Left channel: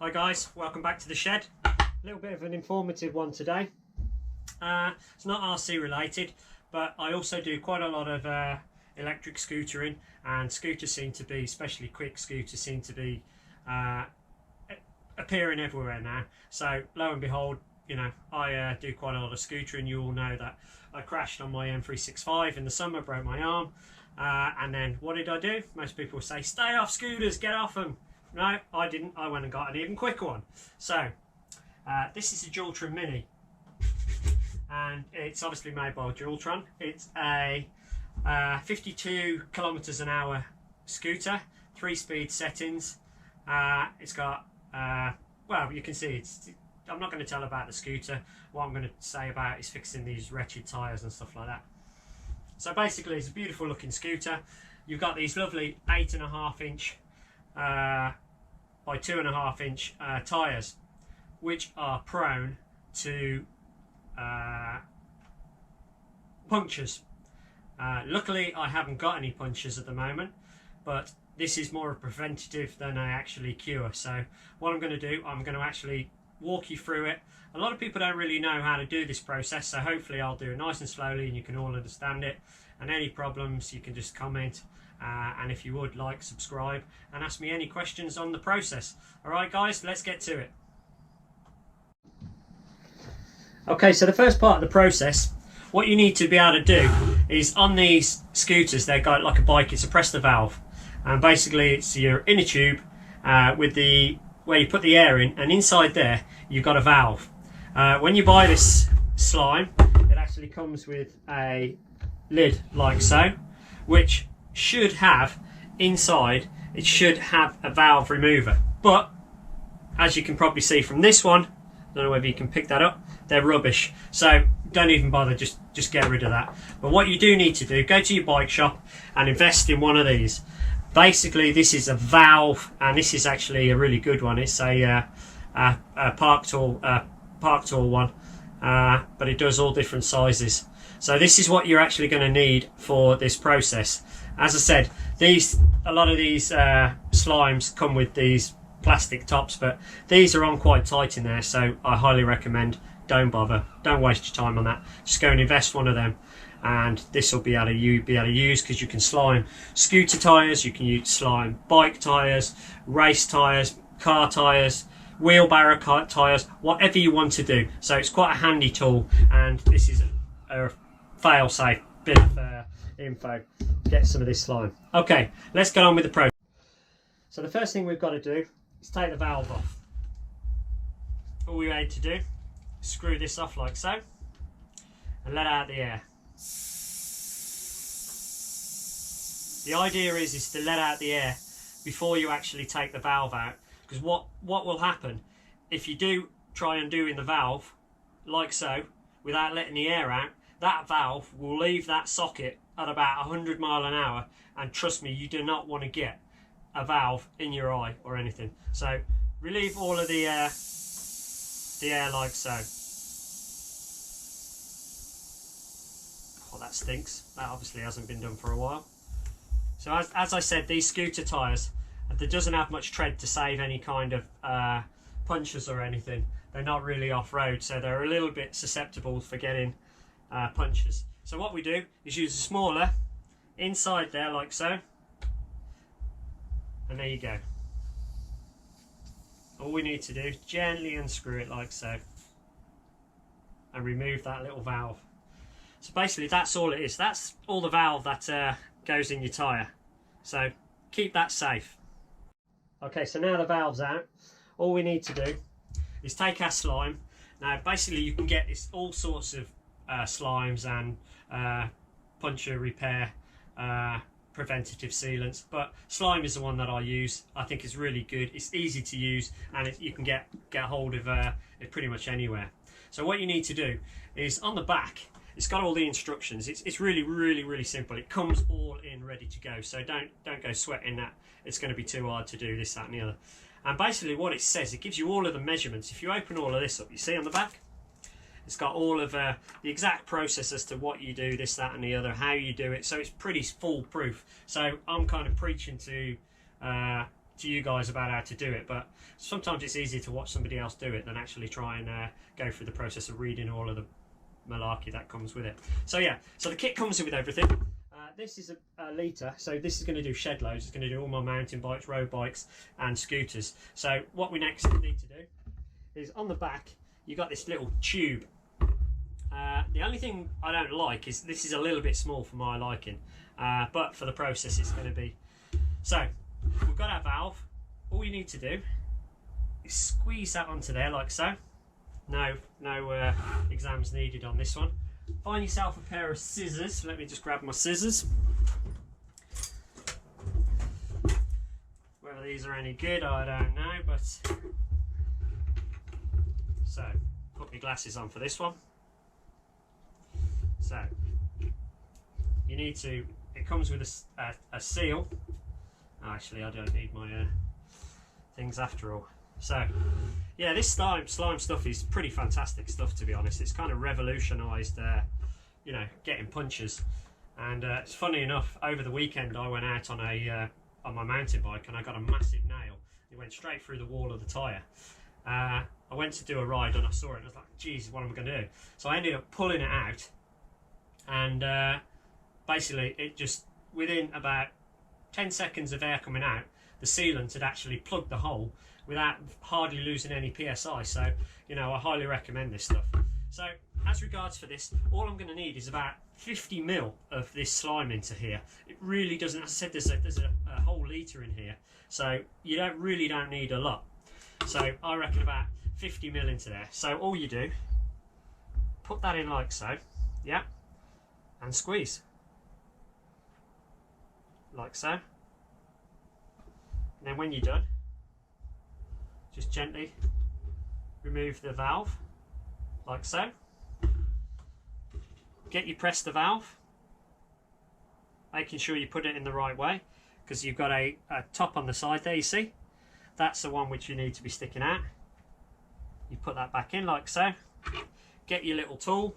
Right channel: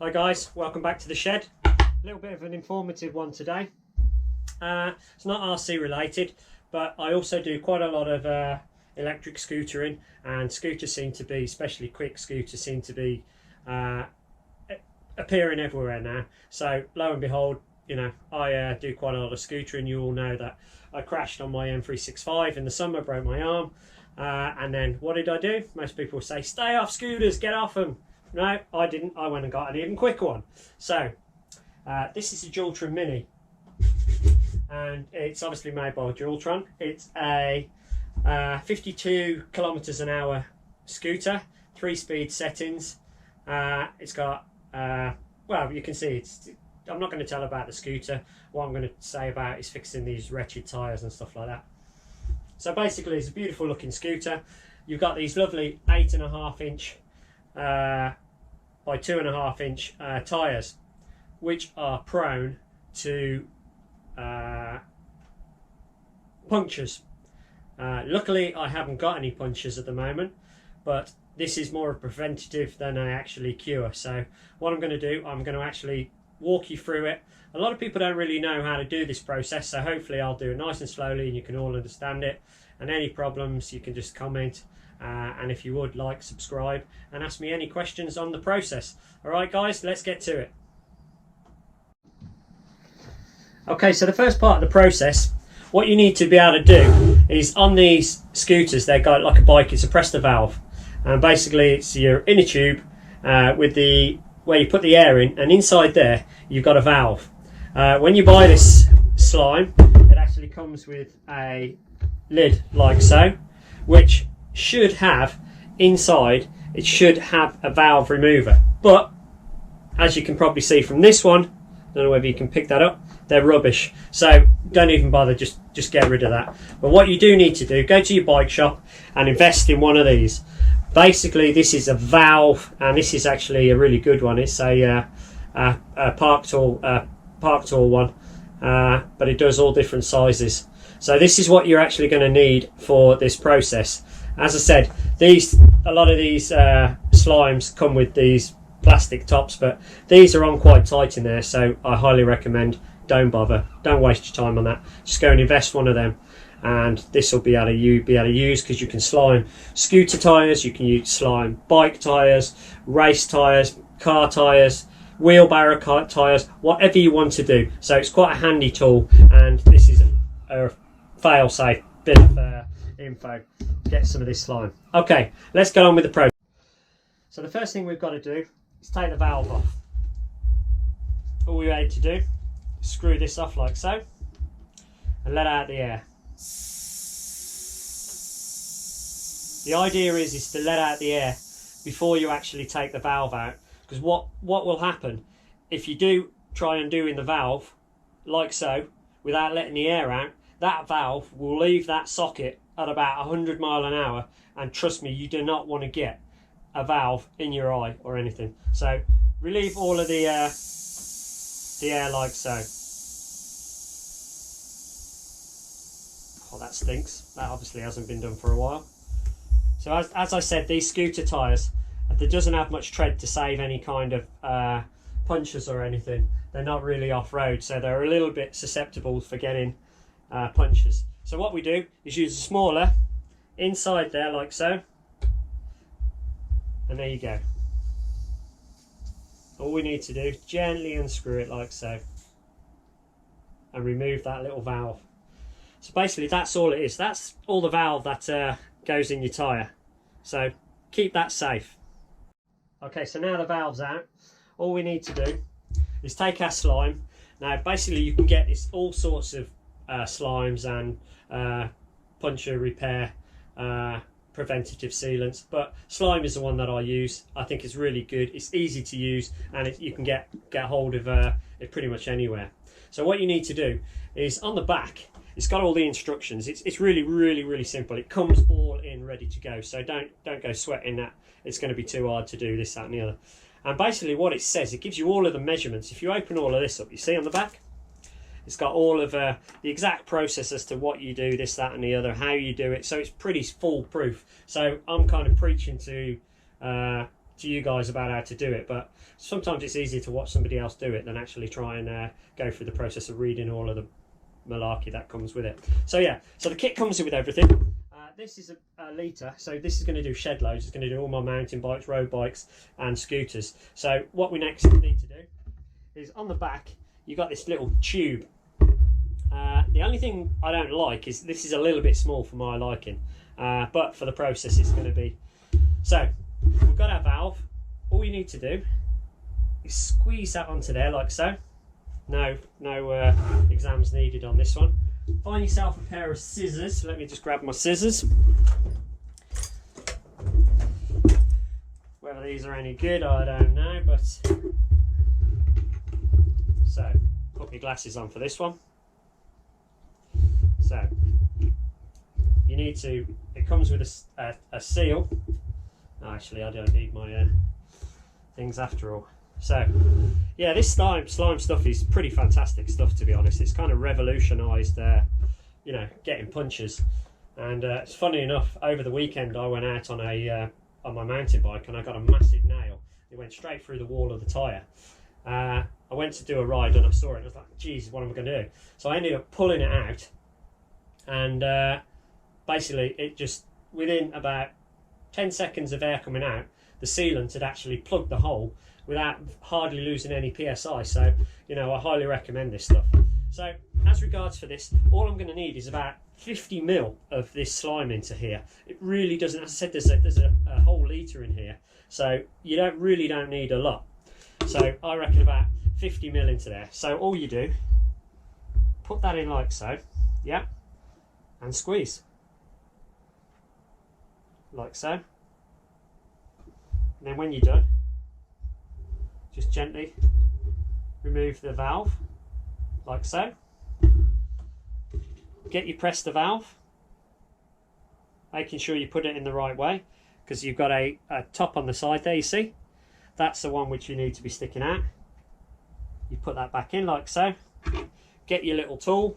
Hi guys, welcome back to the shed. A little bit of an informative one today. It's not RC related, but I also do quite a lot of electric scootering, and scooters seem to be, especially quick scooters, seem to be appearing everywhere now. So lo and behold, you know, I do quite a lot of scootering. You all know that I crashed on my M365 in the summer, broke my arm, and then what did I do? Most people say, stay off scooters, get off them. No, I didn't. I went and got an even quicker one. So this is a Dualtron Mini, and it's obviously made by Dualtron. It's a 52 kilometers an hour scooter, 3-speed settings. It's got well, you can see I'm not going to tell about the scooter. What I'm going to say about is fixing these wretched tyres and stuff like that. So basically, it's a beautiful looking scooter. You've got these lovely 8.5 inch by 2.5 inch tyres, which are prone to punctures. Luckily, I haven't got any punctures at the moment, but this is more a preventative than I actually cure. So what I'm going to do, I'm going to actually walk you through it. A lot of people don't really know how to do this process, so hopefully I'll do it nice and slowly and you can all understand it. And any problems, you can just comment. And if you would, like, subscribe, and ask me any questions on the process. Alright guys, let's get to it. Okay, so the first part of the process, what you need to be able to do is, on these scooters, they've got like a bike, it's a press the valve. And basically it's your inner tube with the where you put the air in, and inside there you've got a valve. When you buy this slime, it actually comes with a lid like so, which should have inside, it should have a valve remover, but as you can probably see from this one, I don't know whether you can pick that up, they're rubbish, so don't even bother, just get rid of that. But what you do need to do, go to your bike shop and invest in one of these. Basically this is a valve, and this is actually a really good one. It's a Park Tool one, but it does all different sizes. So this is what you're actually going to need for this process. As I said, a lot of these slimes come with these plastic tops, but these are on quite tight in there, so I highly recommend don't bother. Don't waste your time on that. Just go and invest one of them, and this will be able to use, because you can slime scooter tyres, you can use slime bike tyres, race tyres, car tyres, wheelbarrow tyres, whatever you want to do. So it's quite a handy tool, and this is a fail-safe bit of info. Get some of this slime. Okay, let's get on with the process. So the first thing we've got to do is take the valve off. All we need to do is screw this off like so and let out the air. The idea is to let out the air before you actually take the valve out, because what will happen if you do try undoing the valve like so without letting the air out, that valve will leave that socket at about 100 miles an hour, and trust me, you do not want to get a valve in your eye or anything. So relieve all of the air like so. Oh, that stinks. That obviously hasn't been done for a while. So as I said, these scooter tyres, there doesn't have much tread to save any kind of punctures or anything. They're not really off-road, so they're a little bit susceptible for getting punctures. So what we do is use a smaller inside there like so, and there you go. All we need to do is gently unscrew it like so and remove that little valve. So basically that's all it is. That's all the valve that goes in your tyre. So keep that safe. Okay, so now the valve's out, all we need to do is take our slime. Now basically you can get this all sorts of slimes and puncture repair preventative sealants, but slime is the one that I use. I think it's really good, it's easy to use, and you can get hold of it pretty much anywhere. So what you need to do is, on the back it's got all the instructions. It's really simple. It comes all in ready to go, so don't go sweating that it's going to be too hard to do this, that and the other. And basically what it says, it gives you all of the measurements. If you open all of this up, you see on the back it's got all of the exact process as to what you do, this, that and the other, how you do it. So it's pretty foolproof. So I'm kind of preaching to to you guys about how to do it, but sometimes it's easier to watch somebody else do it than actually try and go through the process of reading all of the malarkey that comes with it. So yeah, so the kit comes with everything. This is a litre, so this is going to do shed loads. It's going to do all my mountain bikes, road bikes and scooters. So what we next need to do is on the back you got this little tube. The only thing I don't like is this is a little bit small for my liking, but for the process it's going to be. So we've got our valve. All you need to do is squeeze that onto there like so. No exams needed on this one. Find yourself a pair of scissors. Let me just grab my scissors. Whether these are any good, I don't know, but so put my glasses on for this one. So you need to, it comes with a seal. Oh, actually I don't need my things after all. So yeah, this slime stuff is pretty fantastic stuff, to be honest. It's kind of revolutionised you know, getting punches. And it's funny enough, over the weekend I went out on my mountain bike and I got a massive nail. It went straight through the wall of the tyre. I went to do a ride and I saw it and I was like, geez, what am I going to do? So I ended up pulling it out, and basically it just, within about 10 seconds of air coming out, the sealant had actually plugged the hole without hardly losing any PSI. So, you know, I highly recommend this stuff. So as regards for this, all I'm going to need is about 50 ml of this slime into here. It really doesn't, as I said, there's a whole litre in here, so you really don't need a lot. So I reckon about 50 ml into there. So all you do, put that in like so, yeah, and squeeze like so. And then when you're done, just gently remove the valve like so. Get you press the valve, making sure you put it in the right way, because you've got a top on the side there, you see? That's the one which you need to be sticking out. You put that back in like so. Get your little tool,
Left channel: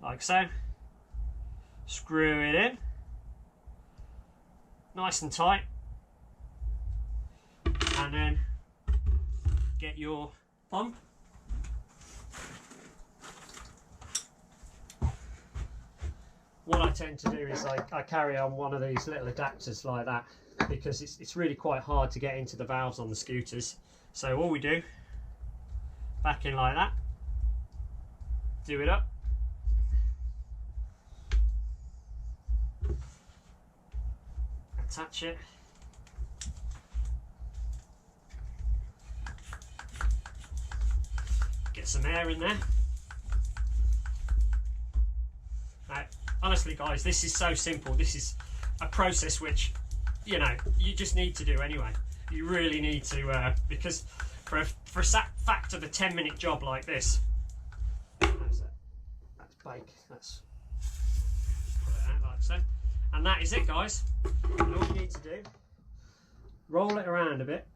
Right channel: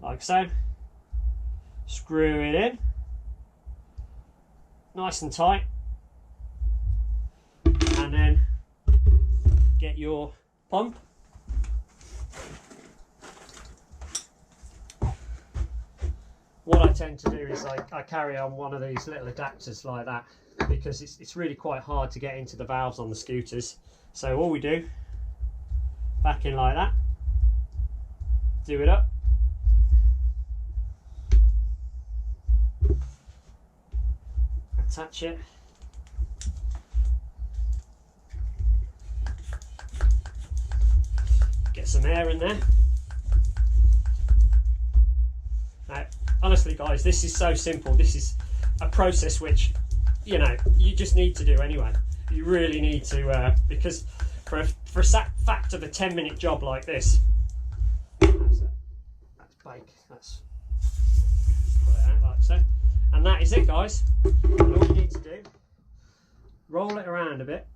like so. Screw it in, nice and tight, and then get your pump. What I tend to do is I carry on one of these little adapters like that, because it's really quite hard to get into the valves on the scooters. So all we do, back in like that, do it up, attach it, get some air in there. Now, honestly guys, this is so simple. This is a process which, you know, you just need to do anyway. You really need to, because for a fact of a 10-minute job like this, that's bake, that's put it out like so, and that is it guys. And all you need to do, roll it around a bit,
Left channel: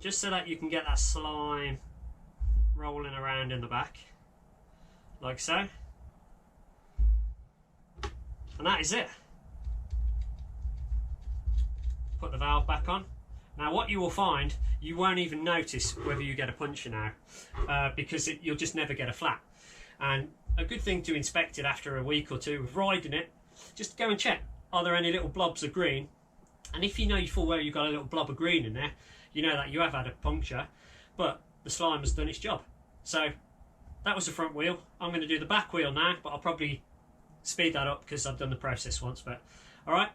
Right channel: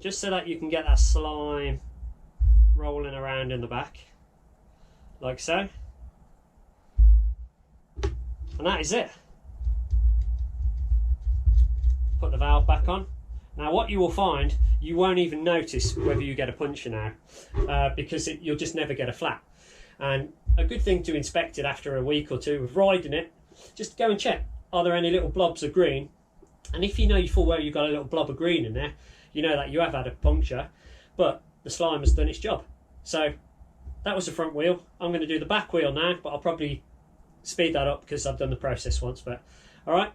just so that you can get that slime rolling around in the back like so, and that is it. Put the valve back on. Now what you will find, you won't even notice whether you get a puncture now, because you'll just never get a flat. And a good thing to inspect it after a week or two of riding it, just go and check, are there any little blobs of green? And if you know full well you've got a little blob of green in there, you know that you have had a puncture, but the slime has done its job. So that was the front wheel. I'm going to do the back wheel now, but I'll probably speed that up because I've done the process once. But all right.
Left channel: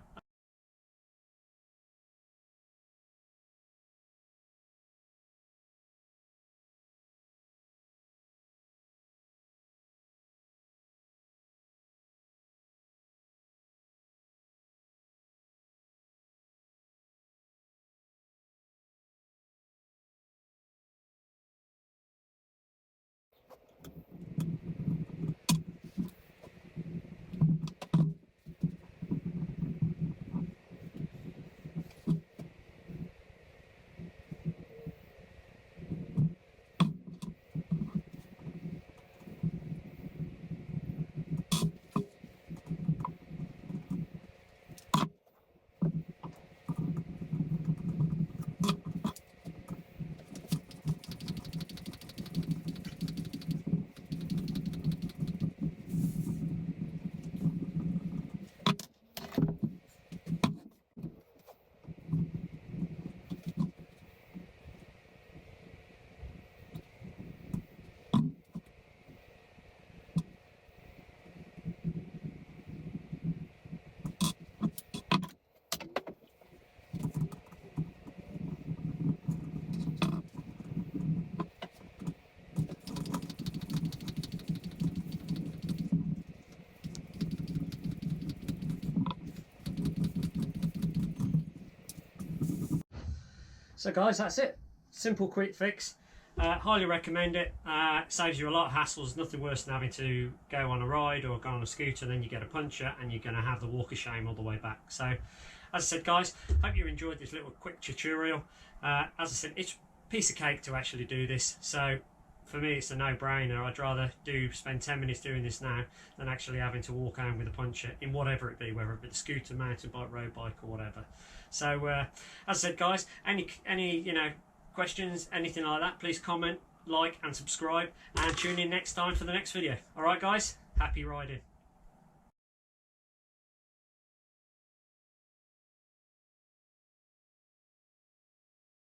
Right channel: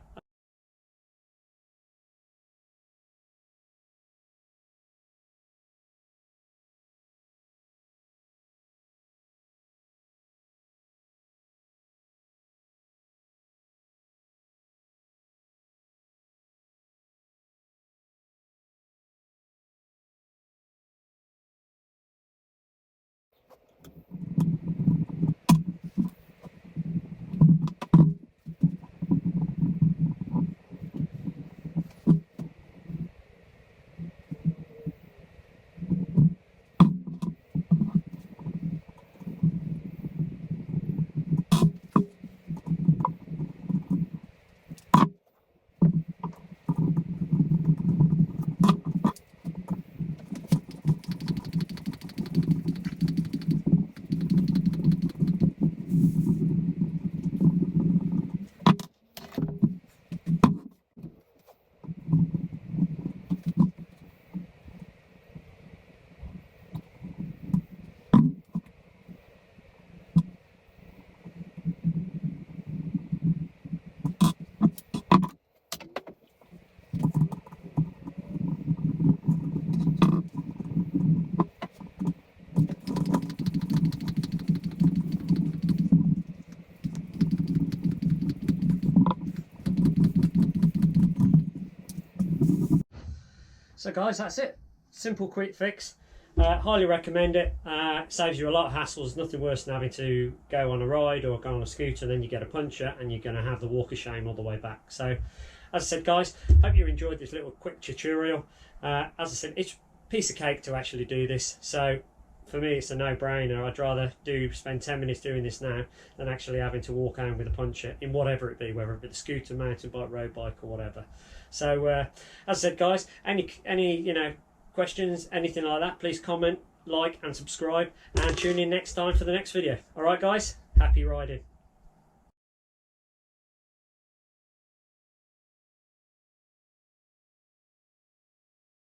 So guys, that's it. Simple, quick fix. Highly recommend it. Saves you a lot of hassles. Nothing worse than having to go on a ride or go on a scooter, then you get a puncture and you're going to have the walk of shame all the way back. So, as I said, guys, hope you enjoyed this little quick tutorial. As I said, it's a piece of cake to actually do this. So, for me, it's a no-brainer. I'd rather spend 10 minutes doing this now than actually having to walk home with a puncture in whatever it be, whether it be the scooter, mountain bike, road bike, or whatever. So, as I said, guys, any questions, anything like that, please comment, like, and subscribe, and tune in next time for the next video. All right, guys, happy riding.